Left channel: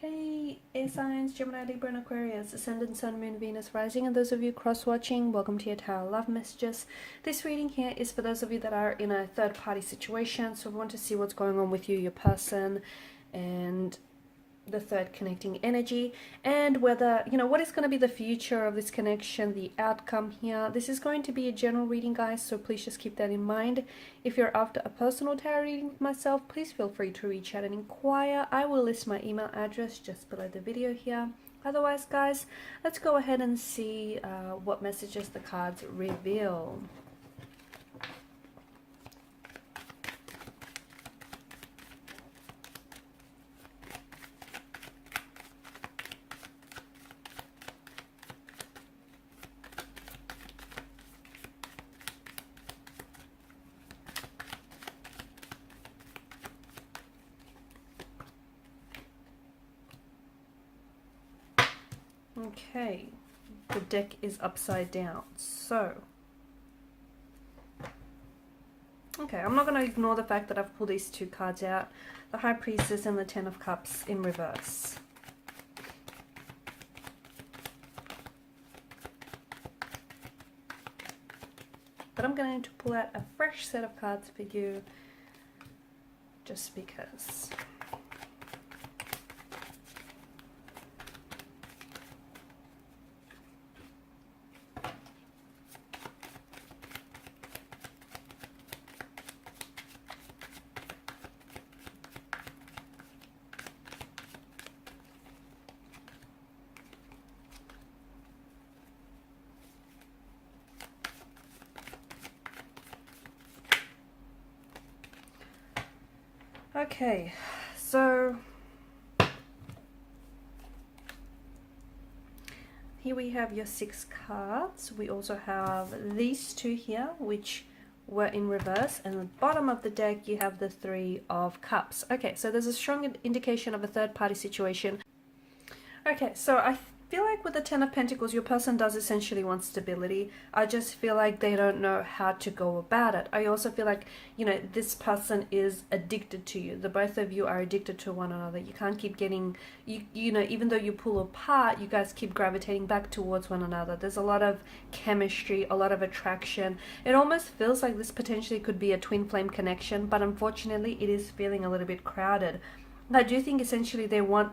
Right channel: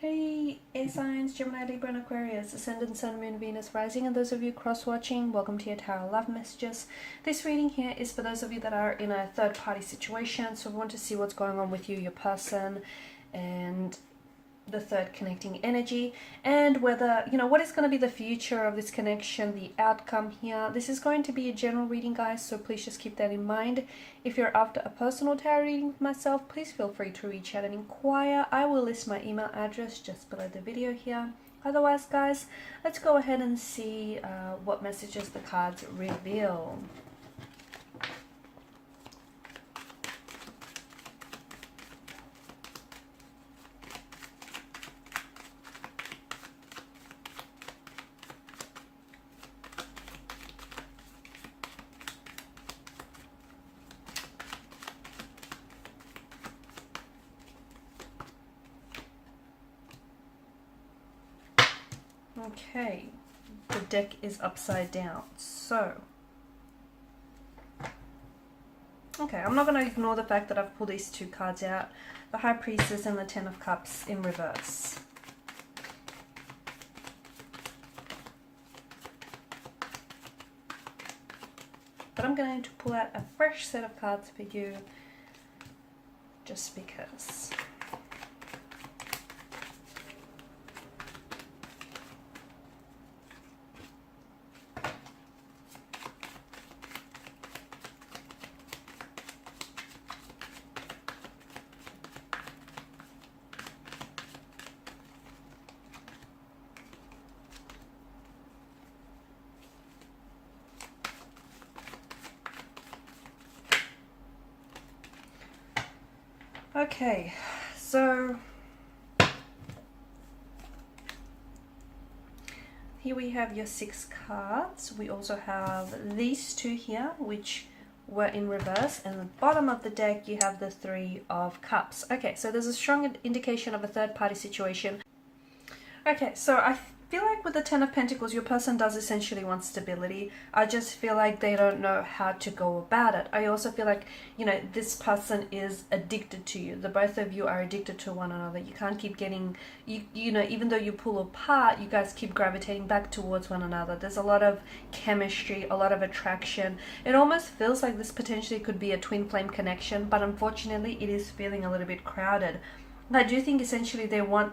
Hey, A signs, Gemini, Libra, and Aquarius, Ascendant, Sun, Moon, Venus, Rising, and those of you cross-watching, welcome to your Tarot Love Messages. This reading here is for those of you that are in a third-party situation, so we want to see what's going on with you, your person, and the third connecting energy, and whether, what is going to be the future of this connection, the outcome here. This is going to be a general reading, guys, so please just keep that in mind. If you're after a personal tarot reading with myself, please feel free to reach out and inquire. I will list my email address just below the video here. Otherwise, guys, let's go ahead and see what messages the cards reveal. Okay, the deck is upside down, so okay, I'm not going to ignore the fact that I've pulled these two cards out, the High Priestess and the Ten of Cups in reverse. But I'm going to pull out a fresh set of cards for you just because. Okay, so here we have your 6 cards. We also have these two here, which were in reverse, and at the bottom of the deck you have the 3 of Cups. Okay, so there's a strong indication of a third-party situation. Okay, so I feel like with the Ten of Pentacles, your person does essentially want stability. I just feel like they don't know how to go about it. I also feel like, this person is addicted to you. The both of you are addicted to one another. You can't keep getting, even though you pull apart, you guys keep gravitating back towards one another. There's a lot of chemistry, a lot of attraction. It almost feels like this potentially could be a twin flame connection, but unfortunately it is feeling a little bit crowded. I do think essentially they want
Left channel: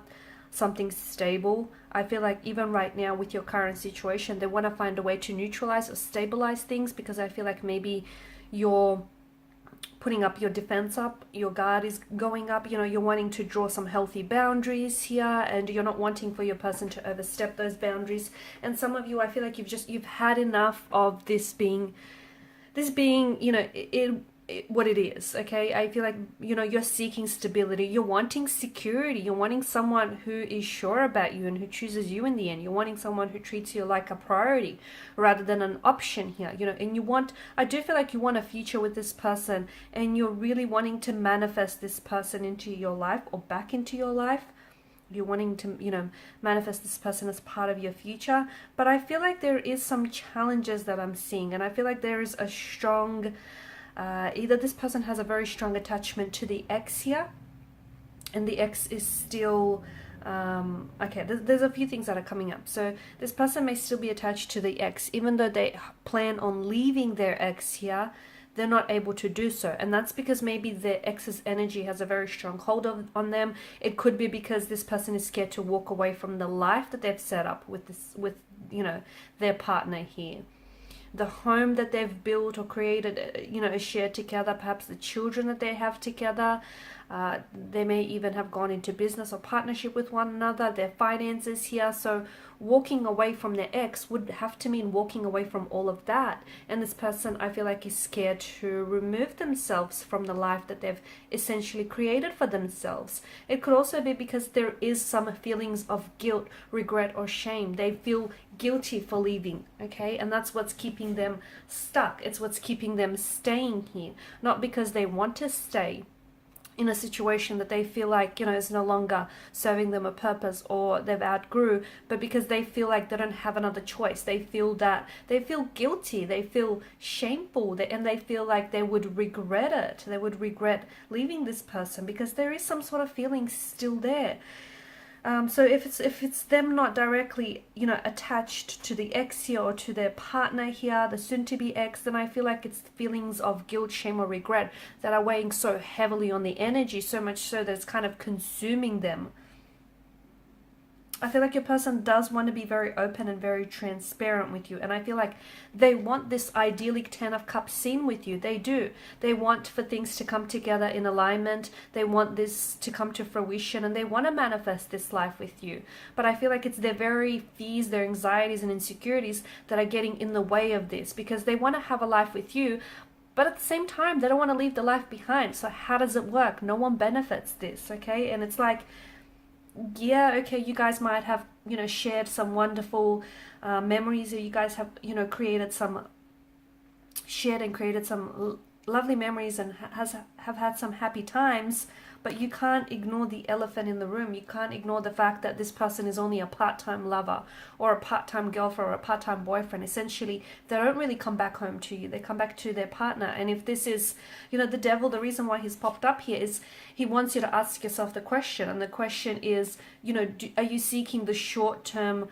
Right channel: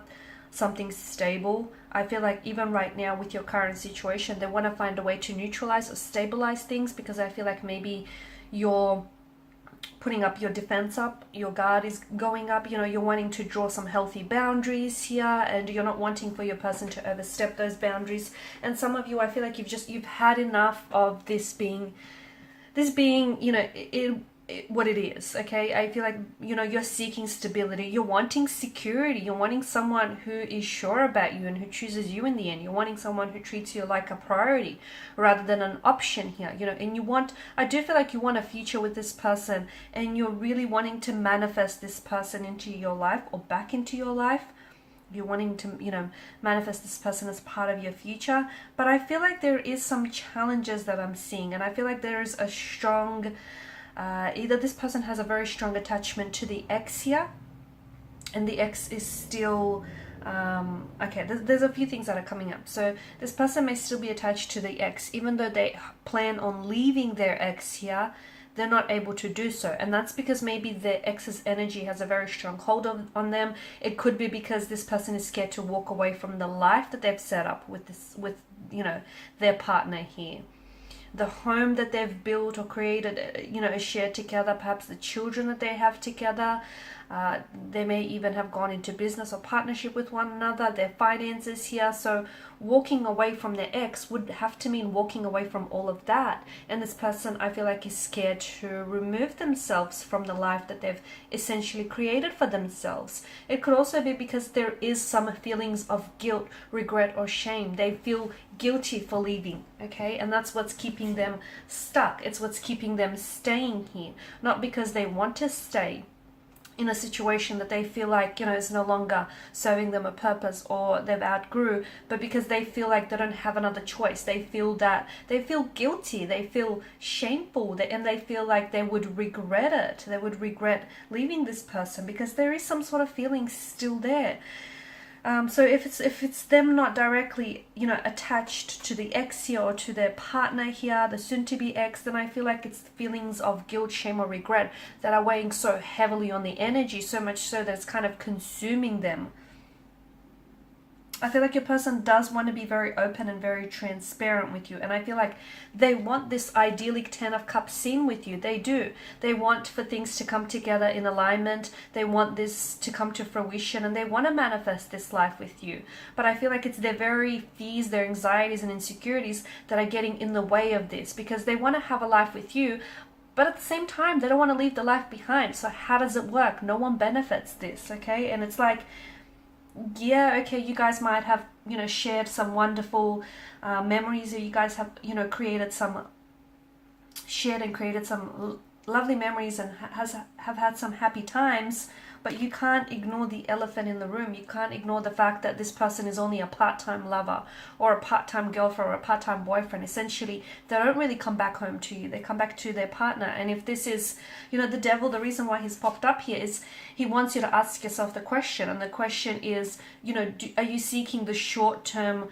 something stable. I feel like even right now with your current situation, they want to find a way to neutralize or stabilize things, because I feel like maybe you're putting up your defense up, your guard is going up, you're wanting to draw some healthy boundaries here, and you're not wanting for your person to overstep those boundaries. And some of you, I feel like you've had enough of this being, what it is. Okay, I feel like you're seeking stability, you're wanting security, you're wanting someone who is sure about you and who chooses you in the end. You're wanting someone who treats you like a priority rather than an option here, and I do feel like you want a future with this person, and you're really wanting to manifest this person into your life or back into your life. You're wanting to, manifest this person as part of your future. But I feel like there is some challenges that I'm seeing, and I feel like there is a strong either this person has a very strong attachment to the ex here, and the ex is still okay, there's a few things that are coming up. So this person may still be attached to the ex, even though they plan on leaving their ex here, they're not able to do so. And that's because maybe their ex's energy has a very strong hold on them. It could be because this person is scared to walk away from the life that they've set up with their partner here. The home that they've built or created, is shared together, perhaps the children that they have together. They may even have gone into business or partnership with one another, their finances here. So walking away from their ex would have to mean walking away from all of that. And this person, I feel like, is scared to remove themselves from the life that they've essentially created for themselves. It could also be because there is some feelings of guilt, regret, or shame. They feel guilty for leaving, okay? And that's what's keeping them stuck. It's what's keeping them staying here. Not because they want to stay in a situation that they feel like, is no longer serving them a purpose or they've outgrew, but because they feel like they don't have another choice. They feel guilty, they feel shameful, and they feel like they would regret it. They would regret leaving this person because there is some sort of feeling still there. So if it's them not directly, you know, attached to the ex here or to their partner here, the soon-to-be ex, then I feel like it's feelings of guilt, shame, or regret that are weighing so heavily on the energy, so much so that it's kind of consuming them. I feel like your person does want to be very open and very transparent with you. And I feel like they want this idyllic 10 of Cups scene with you. They do. They want for things to come together in alignment. They want this to come to fruition. And they want to manifest this life with you. But I feel like it's their very fears, their anxieties and insecurities that are getting in the way of this. Because they want to have a life with you. But at the same time, they don't want to leave the life behind. So how does it work? No one benefits this, okay? And it's like, yeah, okay, you guys might have, you know, shared some wonderful memories, or you guys have, you know, shared and created some lovely memories and have had some happy times, but you can't ignore the elephant in the room. You can't ignore the fact that this person is only a part-time lover or a part-time girlfriend or a part-time boyfriend. Essentially, they don't really come back home to you. They come back to their partner. And if this is, you know, the devil, the reason why he's popped up here is he wants you to ask yourself the question. And the question is, you know, are you seeking the short-term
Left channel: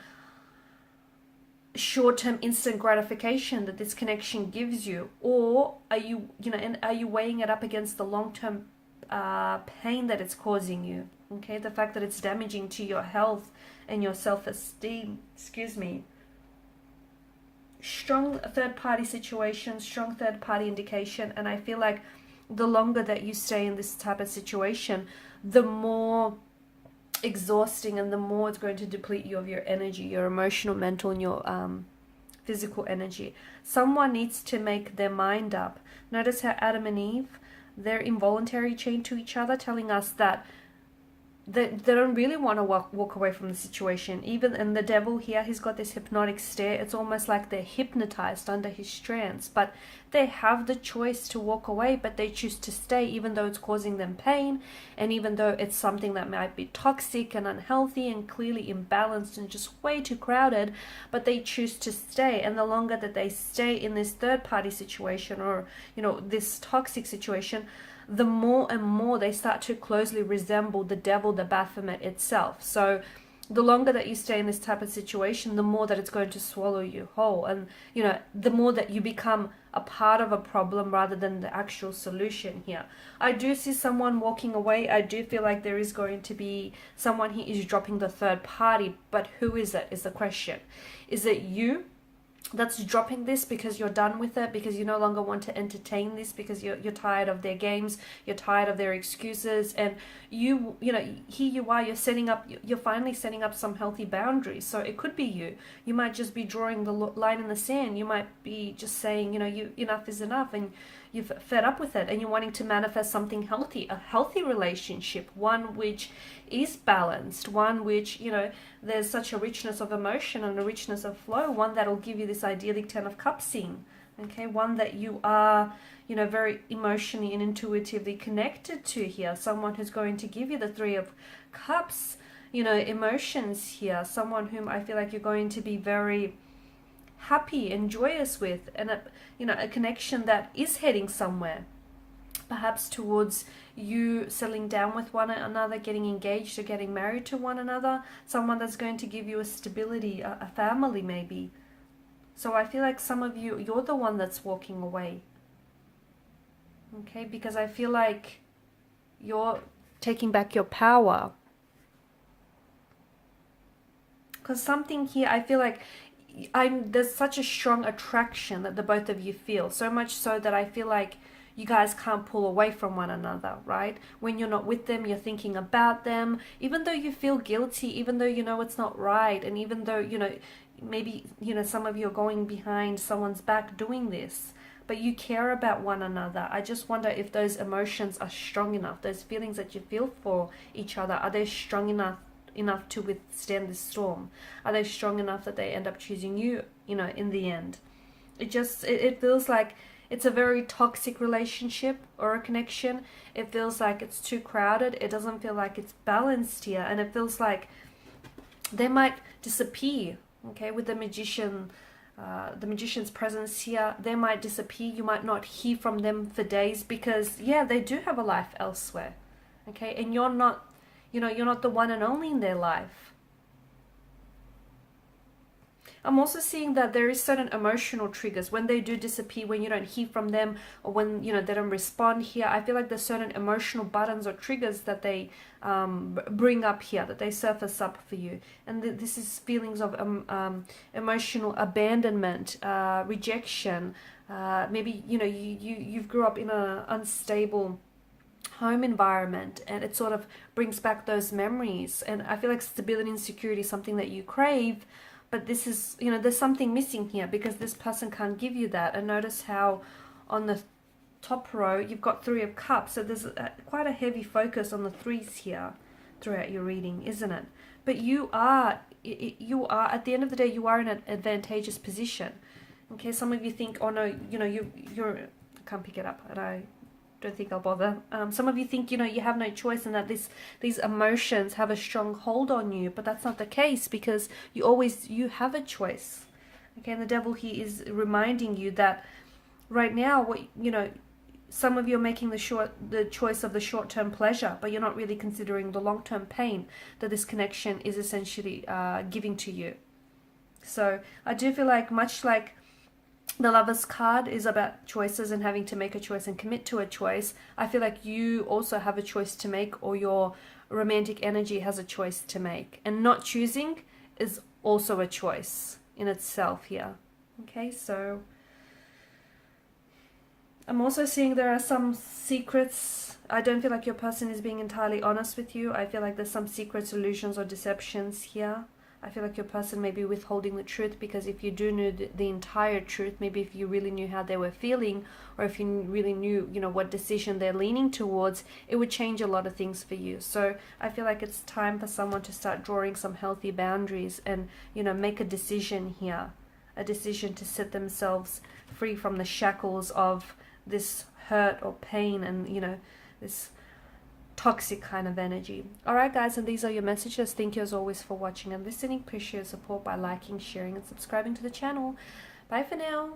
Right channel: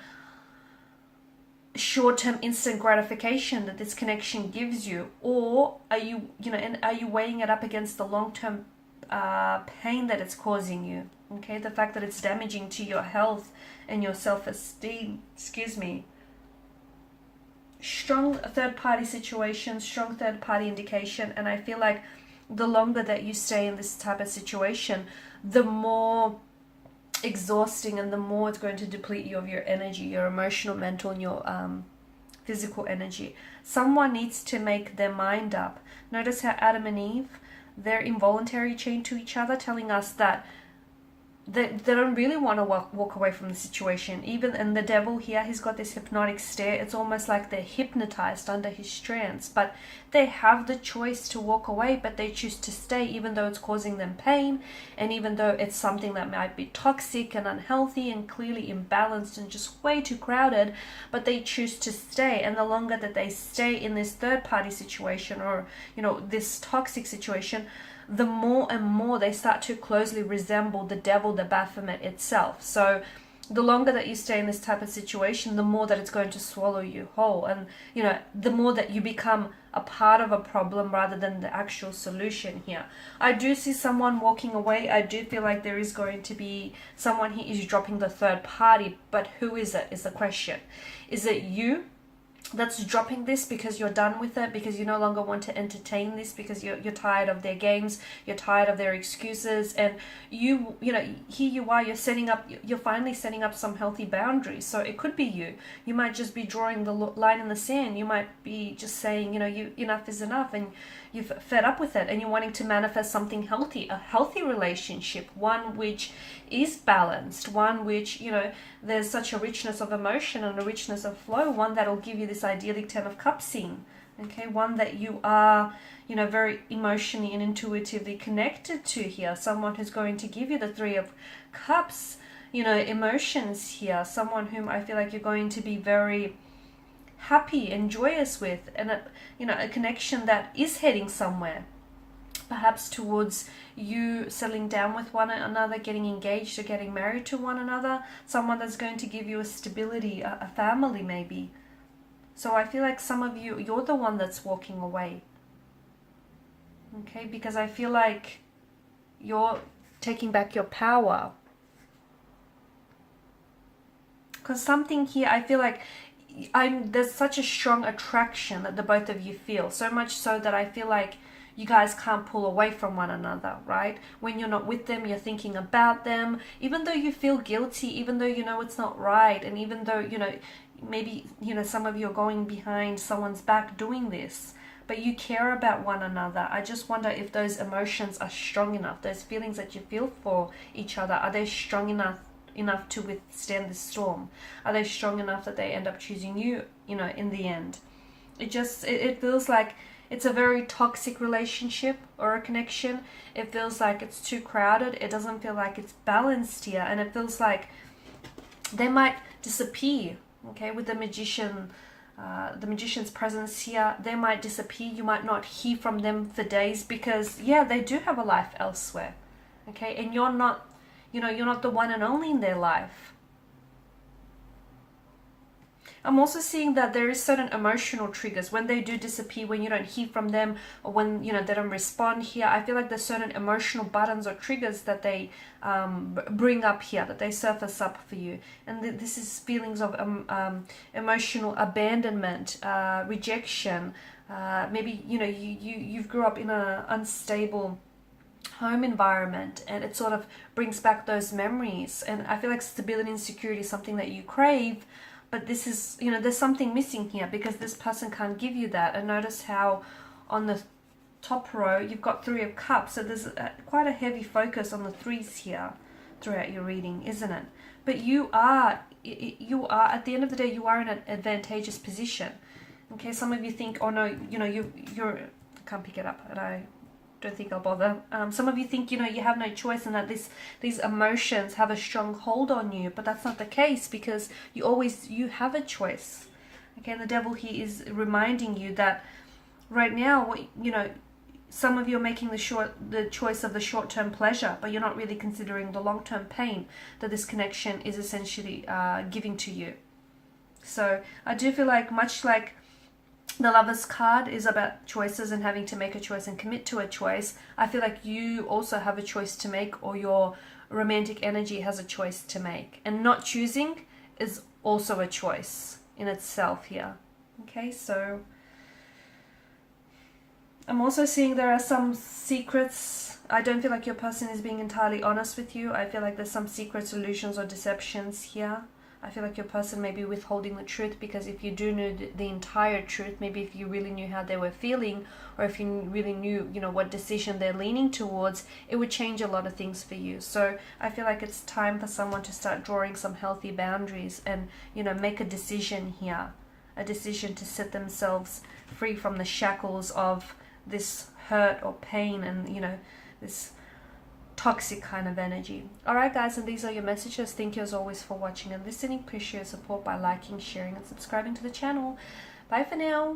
instant gratification that this connection gives you, or are you, you know, and are you weighing it up against the long-term pain that it's causing you? Okay, the fact that it's damaging to your health and your self-esteem. Excuse me. Strong third-party situation, strong third-party indication, and I feel like the longer that you stay in this type of situation, the more exhausting and the more it's going to deplete you of your energy, your emotional, mental, and your physical energy. Someone needs to make their mind up. Notice how Adam and Eve, they're involuntary chained to each other, telling us that they don't really want to walk away from the situation. Even in the devil here, he's got this hypnotic stare. It's almost like they're hypnotized under his trance, but they have the choice to walk away, but they choose to stay even though it's causing them pain, and even though it's something that might be toxic and unhealthy and clearly imbalanced and just way too crowded, but they choose to stay. And the longer that they stay in this third party situation, or, you know, this toxic situation, the more and more they start to closely resemble the devil, the Baphomet itself. So the longer that you stay in this type of situation, the more that it's going to swallow you whole. And, you know, the more that you become a part of a problem rather than the actual solution here. I do see someone walking away. I do feel like there is going to be someone who is dropping the third party, but who is it is the question. Is it you that's dropping this because you're done with it, because you no longer want to entertain this, because you're tired of their games, you're tired of their excuses, and you know, here you are, you're finally setting up some healthy boundaries. So it could be you might just be drawing the line in the sand. You might be just saying, you know, enough is enough, and you've fed up with it, and you're wanting to manifest something healthy, a healthy relationship, one which is balanced, one which, you know, there's such a richness of emotion and a richness of flow, one that'll give you this idyllic 10 of Cups scene, okay, one that you are, you know, very emotionally and intuitively connected to here, someone who's going to give you the 3 of Cups, you know, emotions here, someone whom I feel like you're going to be very happy and joyous with, and a connection that is heading somewhere, perhaps towards you settling down with one another, getting engaged or getting married to one another, someone that's going to give you a stability, a family maybe. So I feel like some of you, you're the one that's walking away, okay, because I feel like you're taking back your power, because something here, I feel like there's such a strong attraction that the both of you feel, so much so that I feel like you guys can't pull away from one another, right? When you're not with them, you're thinking about them, even though you feel guilty, even though you know it's not right, and even though, you know, maybe, you know, some of you are going behind someone's back doing this, but you care about one another. I just wonder if those emotions are strong enough, those feelings that you feel for each other, are they strong enough to withstand the storm? Are they strong enough that they end up choosing you, you know, in the end? It feels like it's a very toxic relationship or a connection. It feels like it's too crowded. It doesn't feel like it's balanced here, and it feels like they might disappear, okay, with the magician's presence here. They might disappear. You might not hear from them for days because, yeah, they do have a life elsewhere, okay, and you're not You know, you're not the one and only in their life. I'm also seeing that there is certain emotional triggers when they do disappear, when you don't hear from them, or when, you know, they don't respond here. I feel like there's certain emotional buttons or triggers that they bring up here, that they surface up for you. And this is feelings of emotional abandonment, rejection. Maybe, you know, you've grew up in an unstable home environment, and it sort of brings back those memories. And I feel like stability and security is something that you crave. But this is, you know, there's something missing here because this person can't give you that. And notice how on the top row, you've got 3 of Cups. So there's quite a heavy focus on the 3s here throughout your reading, isn't it? But you are, at the end of the day, you are in an advantageous position. Okay, some of you think, oh no, you know, you're, I can't pick it up. And I don't think I'll bother. Some of you think, you know, you have no choice and that these emotions have a strong hold on you, but that's not the case because you have a choice. Okay, the devil here is reminding you that right now, you know, some of you are making the choice of the short-term pleasure, but you're not really considering the long-term pain that this connection is essentially giving to you. So I do feel like, much like the Lover's card is about choices and having to make a choice and commit to a choice, I feel like you also have a choice to make, or your romantic energy has a choice to make. And not choosing is also a choice in itself here. Okay, so I'm also seeing there are some secrets. I don't feel like your person is being entirely honest with you. I feel like there's some secrets, illusions, or deceptions here. I feel like your person may be withholding the truth, because if you do know the entire truth, maybe if you really knew how they were feeling, or if you really knew, you know, what decision they're leaning towards, it would change a lot of things for you. So I feel like it's time for someone to start drawing some healthy boundaries and, you know, make a decision here. A decision to set themselves free from the shackles of this hurt or pain and, you know, this toxic kind of energy. Alright guys, and these are your messages. Thank you as always for watching and listening. Appreciate your support by liking, sharing and subscribing to the channel. Bye for now.